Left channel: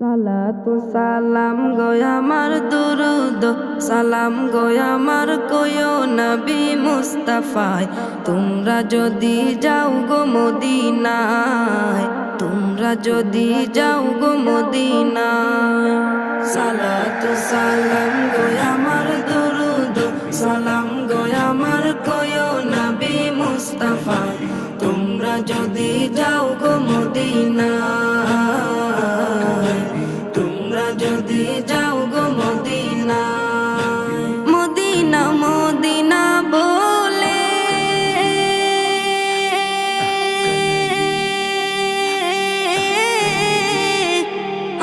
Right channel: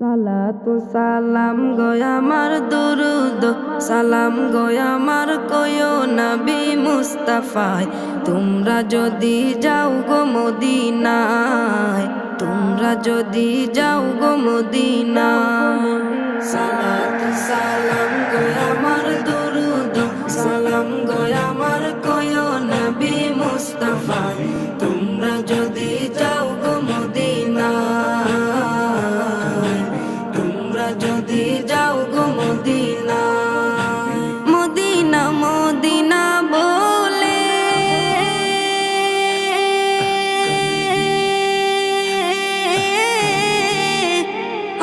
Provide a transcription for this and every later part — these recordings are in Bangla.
সালাতু সালাম গয় আমার দুরুদ সালাম গয় আমার কয়ো নবী মুস্তাফায়। তোমরা যদি যাও গো মদিনায়, তোমরা যদি যাও গো মদিনায়। সালাতু সালাম গয় আমার দুরুদ সালাম গয় আমার কয়ো নবী মুস্তাফায়। তোমরা যদি যাও গো মদিনায়, তোমরা যদি যাও গো মদিনায়। মদিনা মদিনা বলে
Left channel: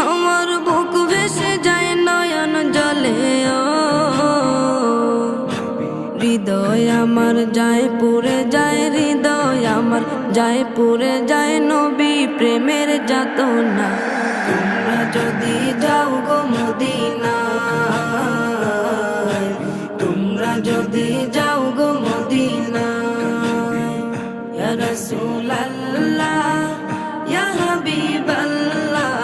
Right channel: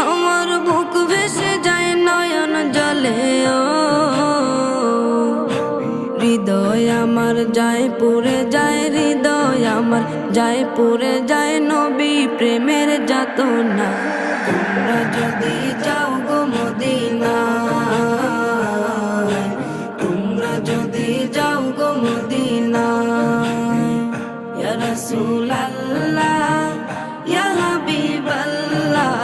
আমার বুক ভেসে যায় নয়ন জলে। ও হৃদয় আমার যায় পুরে যায়, হৃদয় আমার যায় পুরে যায় নবী প্রেমের যাতনা। তোমরা যদি যাও গো মদিনায়, তোমরা যদি যাও গো মদিনায়। ইয়া রাসূলুল্লাহ ইয়া হাবিবাল্লাহ,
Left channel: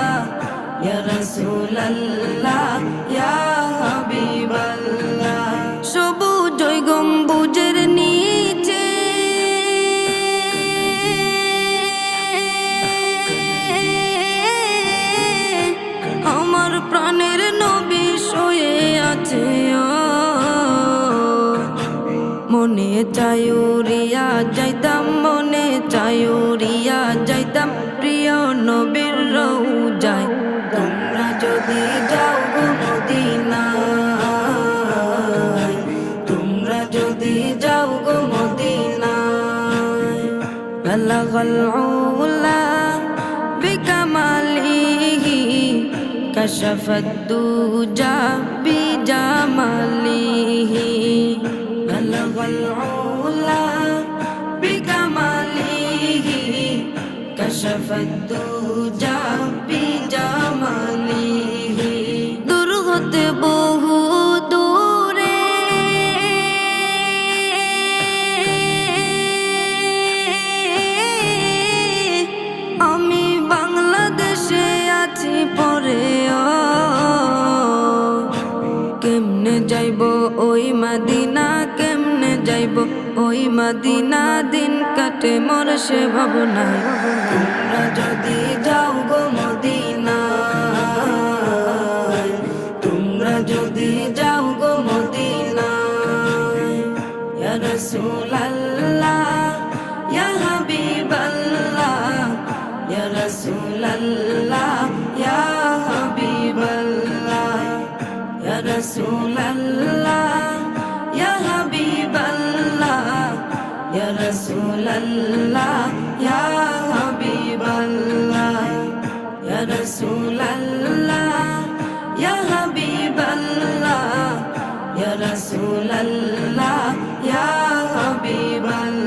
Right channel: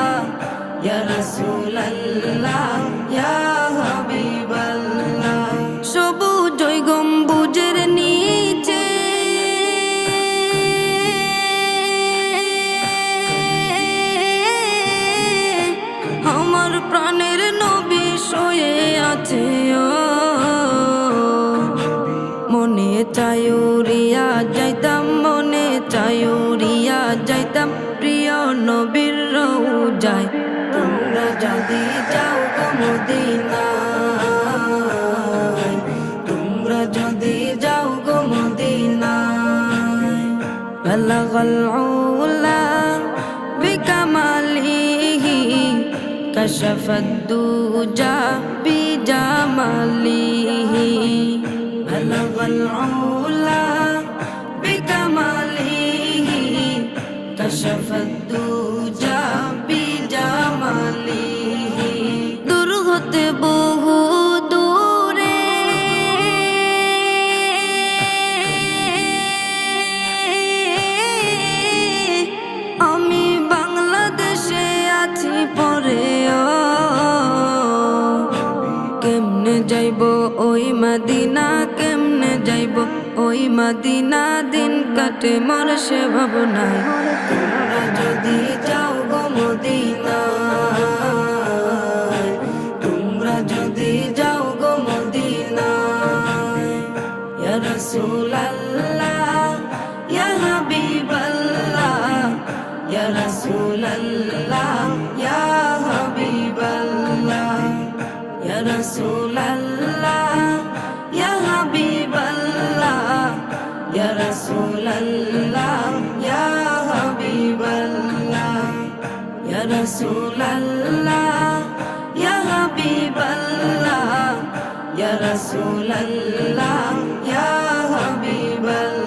ইয়া রাসূলুল্লাহ ইয়া হাবিবাল্লাহ। সবুজ ওই গম্বুজের নিচে আমার প্রাণের নবী শুয়ে আছে। ও মনে চায় উড়িয়া যাইতাম, মনে চায় উড়িয়া যাইতাম প্রিয় নবীর রওজায়। তোমরা যদি যাও গো মদিনায়, তোমরা যদি যাও গো মদিনায়। বালাগাল উলা বিকামালিহি কাশাফাদ দুজা বিজামালিহি। বালাগাল উলা বিকামালিহি কাশাফাদ দুজা বিজামালিহি। দূর হতে বহু দূরে আমি বাংলাদেশে আছি পরে। ও কেমনে যাইব ওই মদিনা, কেমনে যাইব ওই মদিনা, দিন কাটে মোর সে ভাবনায়। তোমরা যদি যাও গো মদিনায়, তোমরা যদি যাও গো মদিনায়। ইয়া রাসূলুল্লাহ ইয়া হাবিবাল্লাহ, ইয়া রাসূলুল্লাহ ইয়া হাবিবাল্লাহ, ইয়া রাসূলুল্লাহ ইয়া হাবিবাল্লাহ, ইয়া রাসূলুল্লাহ ইয়া হাবিবাল্লাহ, ইয়া রাসূলুল্লাহ ইয়া হাবিবাল্লাহ, ইয়া রাসূলুল্লাহ ইয়া হাবিবাল্লাহ।